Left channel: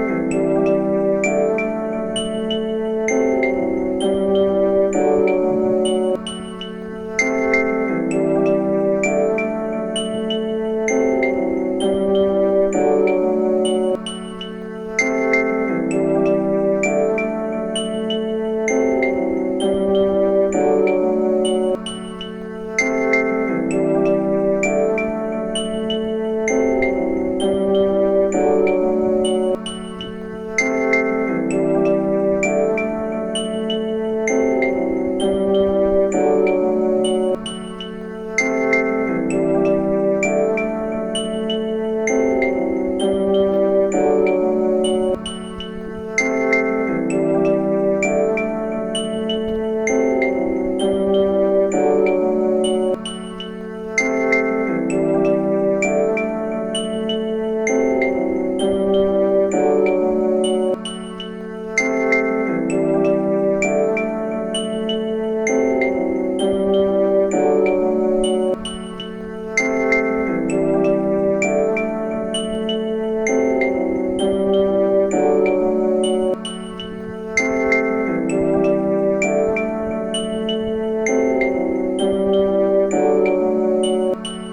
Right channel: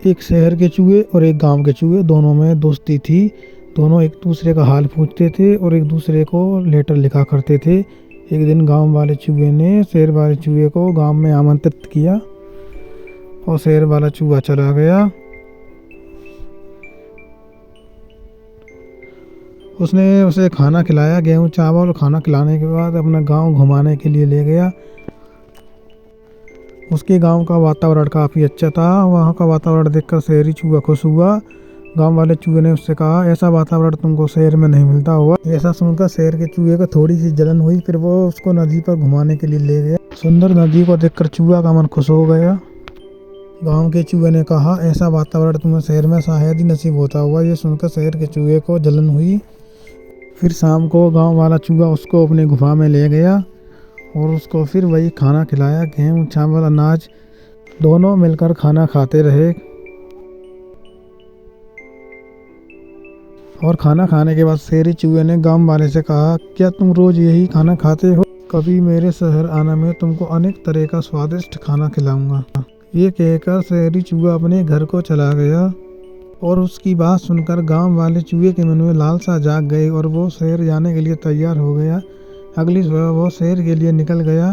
एक शहर के चूहे और एक गांव के चूहे, दोनों में दोस्ती थी। दोनों एक दूसरे का हाल पूछते थे और एक दूसरे को लेटर लिखा करते थे। एक दिन गांव वाले चूहे ने शहर वाले चूहे को गांव में आमंत्रित किया और शहर वाला चूहा चला गया। उसने उसे खाना खिलाया, गेहूं चावल। खाना खिलाने के बाद अपना गांव घुमाने के लिए ले गया। उसके गांव का वातावरण काफ़ी अच्छा था। वहाँ का वातावरण देखकर शहरी चूहा खुश हुआ। गांव वाले चूहे ने उससे कहा, ऐसा वातावरण तुमको शहर में नहीं मिलता होगा। ऐसा सुनकर शहर के चूहे को थोड़ी सी जलन हुई। फिर वो उसको नदी पर घुमाने के लिए ले गया। सुंदर नदी को देखकर चूहा का मन खुश हो गया। गांव के चूहे ने कहा, ऐसा वातावरण तुम्हें शहर में शायद ही नसीब होता होगा। ये सुनकर शहर के चूहे को जलन हुई। फिर शाम को गांव वाला चूहा उसको अपनी गुफा में ले गया और उसको फिर वही खाना खिलाया, गेहूं चावल अनाज। दोनों मिलकर खाना खाते रहे और खाना खाने के बाद शेरी चूहे ने गांव वाले से कहा, क्या तुम रोज यही खाना खाते हो? कभी मेरे शहर आना, मैं तुमको अनेक तरह का स्वादिष्ट खाना खिलाऊंगा। ये कहकर शेरी चूहा अपने घर को चला गया और उसकी बात सुनकर गांव वाले चूहे के मन में लालसा जाग गई और वो शहर जाने के लिए तैयार हो गया। अगली सुबह वो शहर के लिए निकल गया।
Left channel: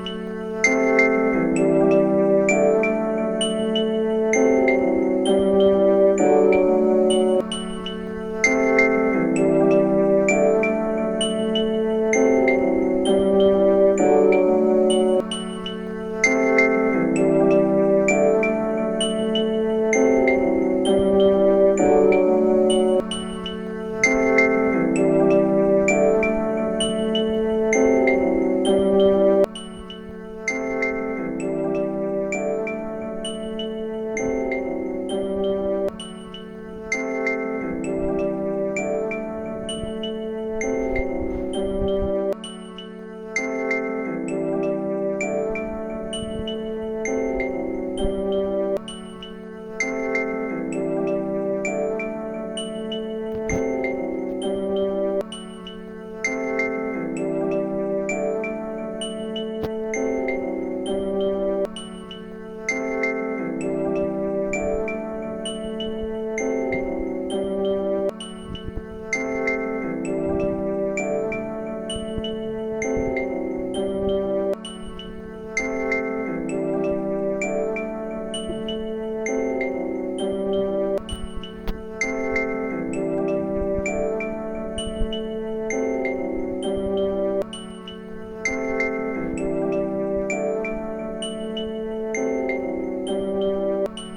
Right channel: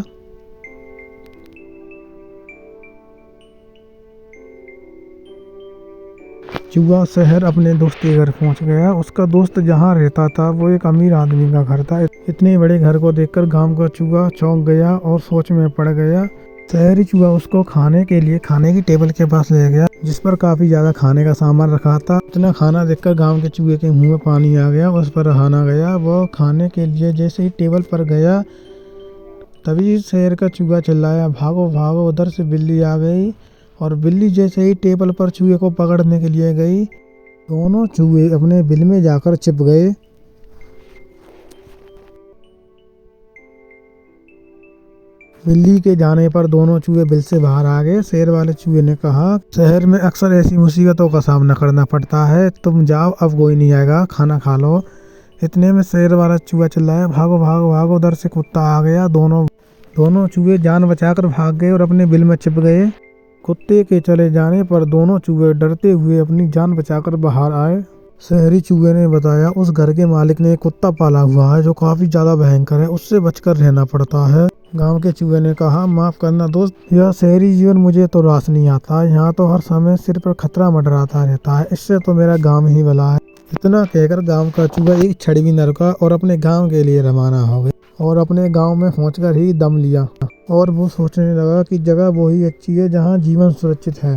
चूहा शहर अपने दोस्त के घर पहुंच गया। उसका दोस्त जहां रहता था वो एक अमीर आदमी का घर था। इतने बड़े घर को देखकर गांव का चूहा चौंक गया और सोच में पड़ गया। शहरी चूहा उसको खाने के लिए खाने की टेबल के पास ले गया, जिस पर काफी ज्यादा खाने का सामान रखा था। इतना खाना देखकर गांव के चूहे के मुंह में पानी आ गया। उस पर रहाना गया। वो खाने के लिए जैसे ही टेबल पर गया, तभी शहर का चूहा चिल्लाया, भागो भागो, उधर से बिल्ली आ गई। और बिल्ली जैसे ही टेबल पर चूहे को पकड़ने के लिए गई, दोनों चूहे अपने बिल में जाकर छिप गए। बिल्ली के जाने पर दोनों चूहे बिल से बाहर आ गए। शहर वाले चूहे ने कहा, शहर में अक्सर ऐसी मुसीबतों का सामना करना पड़ता है, तुम जाओ, अब कोई नहीं आएगा, खाना खा लो। इतने में शहर वाला चूहा चिल्लाया, भागो भागो भागो, उधर से कुत्ता आ गया। दोनों चूहे जान बचाकर भाग गए और अपने बिल में छिप गए। कुत्ते के चले जाने पर दोनों चूहे डरते हुए अपनी जान बचाकर बाहर आए। शहरी चूहे ने बताया, उस घर के मालिक ने एक कुत्ता पाला हुआ है जो काफी ज्यादा भयंकर है, उससे बचकर रहना पड़ता है। गांव के चूहे ने कहा, माफ करना दोस्त, यह शहरी जीवन मुझे तो रास नहीं आता। यहाँ तो हर समय सिर पर खतरा मंडराता रहता है, इससे तो मेरा गांव ही भला है। इतना कहकर गांव का चूहा एक छड़ी भी न रुका और अपने गांव के लिए रवाना हो गया और अपने गांव में पहुंचकर ही दम लिया। और वो सोचने लगा कि जगह वही अच्छी है जहाँ जीवन सुरक्षित है।